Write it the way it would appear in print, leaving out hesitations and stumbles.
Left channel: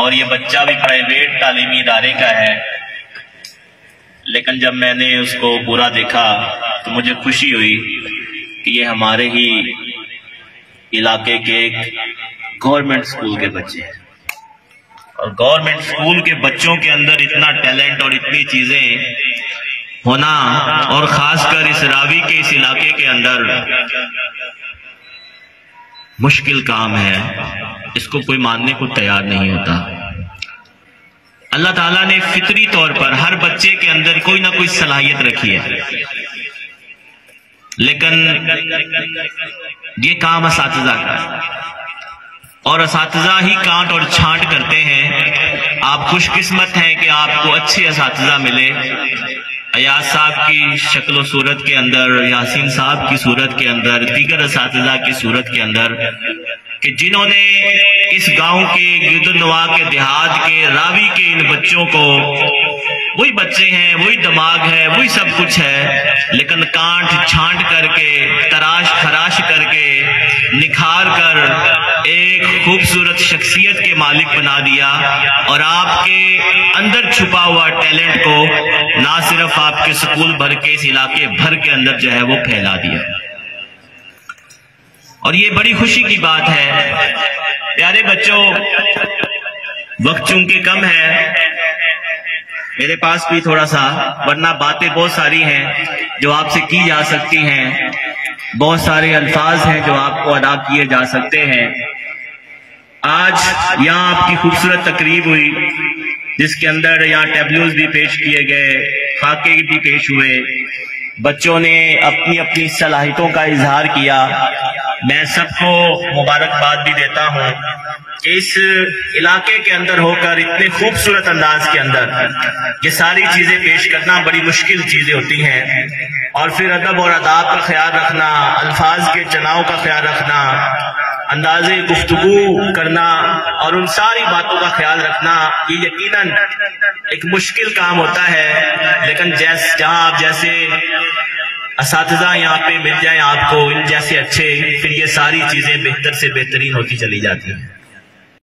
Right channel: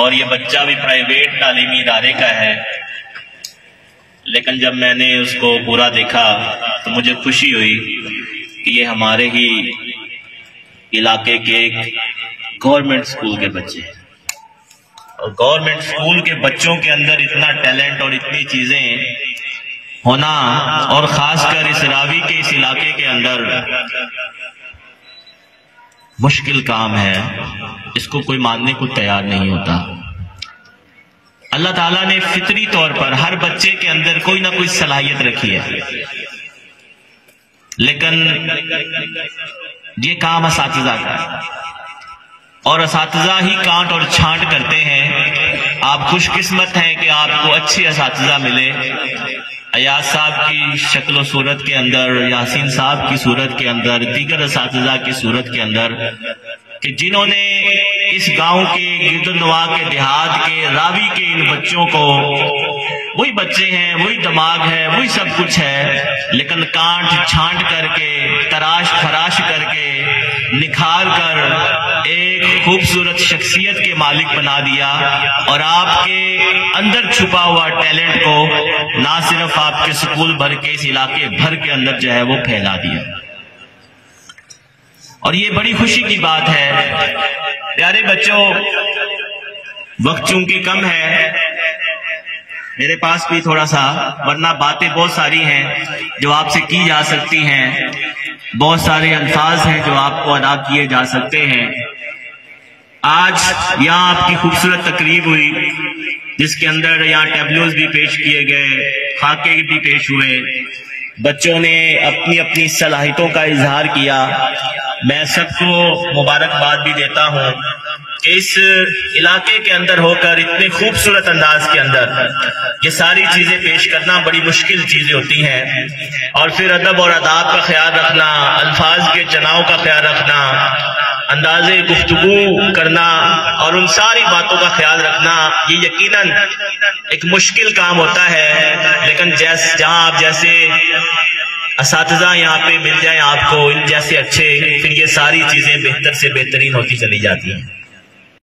اور یہ بچہ بھی پرائیویٹ تعلیمی ادارے کا ہے، لیکن جب میں نے اس کو پورا دیکھا تو مجھے خوشی ہوئی کہ یہ ہمارے ہی علاقے کے ایک گورنمنٹ سکول کے بچے ہیں، اور گورنمنٹ سکول کے بچوں کے اندر اتنا ٹیلنٹ اور اتنی چیزیں ہونا، اور خاص کر اس راوی کے اس علاقے کے اندر مشکل کام ہے، اس کو کوئی ماننے کو تیار نہیں ہوتا۔ اللہ تعالیٰ نے فطری طور پر ہر بچے کے اندر کوئی نہ کوئی صلاحیت رکھی ہے، لیکن یہ کام اساتذہ کا ہے، اور اساتذہ ہی کانٹ اور چھانٹ کرتے ہیں۔ آپ خوش قسمت ہیں کہ آپ کو اچھے اساتذہ ملے، ایاز صاحب کی شکل و صورت کے اندر، یاسین صاحب کی صورت کے اندر، دیگر اساتذہ کی صورت کے اندر، کہ جنہوں نے اس گاؤں کے گردنواح کے دیہات کے راوی کے ان بچوں کو، وہی بچے ہیں، وہی دماغ ہے، وہی سب کچھ ہے، لیکن کانٹ چھانٹ کر کے، تراش خراش کر کے، نکھار کر ایک خوبصورت شخصیت کے مالک بنا دیا، اور آپ کے اندر چھپا ہوا ٹیلنٹ کو نہ صرف آپ کے سکول بھر کے، اس علاقے بھر کے اندر جو ہے وہ پھیلا دیا۔ اور یہ بڑی خوشی کی بات ہے۔ پیارے بچوں، وقت چونکہ کم ہے، میرے پاس بھی تھوڑا سا، ورنہ باتیں بہت ساری ہیں جو آپ سے کی جا سکتی ہیں، بہت سارے الفاظ ہیں جو آپ کو ادا کیے جا سکتے ہیں۔ آج یہاں آپ کی خوبصورت تقریب ہوئی، جس کے اندر یہاں ٹیبلوز بھی پیش کیے گئے، خاکے بھی پیش ہوئے، بچوں نے اپنی اپنی صلاحیتوں کا اظہار کیا۔ میں سب کو مبارکباد بھی دیتا ہوں کہ اس علاقے کے اندر ہو کر اتنے خوبصورت انداز کے اندر یہ ساری چیزیں پیش کرنا بڑی مشکل چیزیں ہوتی ہیں، اور پھر ادب اور آداب کا خیال رکھنا، الفاظ کے چناؤ کا خیال رکھنا، انداز گفتگو کرنا، اور ان ساری باتوں کا خیال رکھنا، یہ یقیناً ایک مشکل کام ہوتا ہے، لیکن جہاں آپ جیسے اساتذہ یہاں پہ مل جائیں آپ کو، ان جیسے اچھے، پھر یہ ساری چیزیں بہتر سے بہترین ہوتی چلی جاتی ہیں۔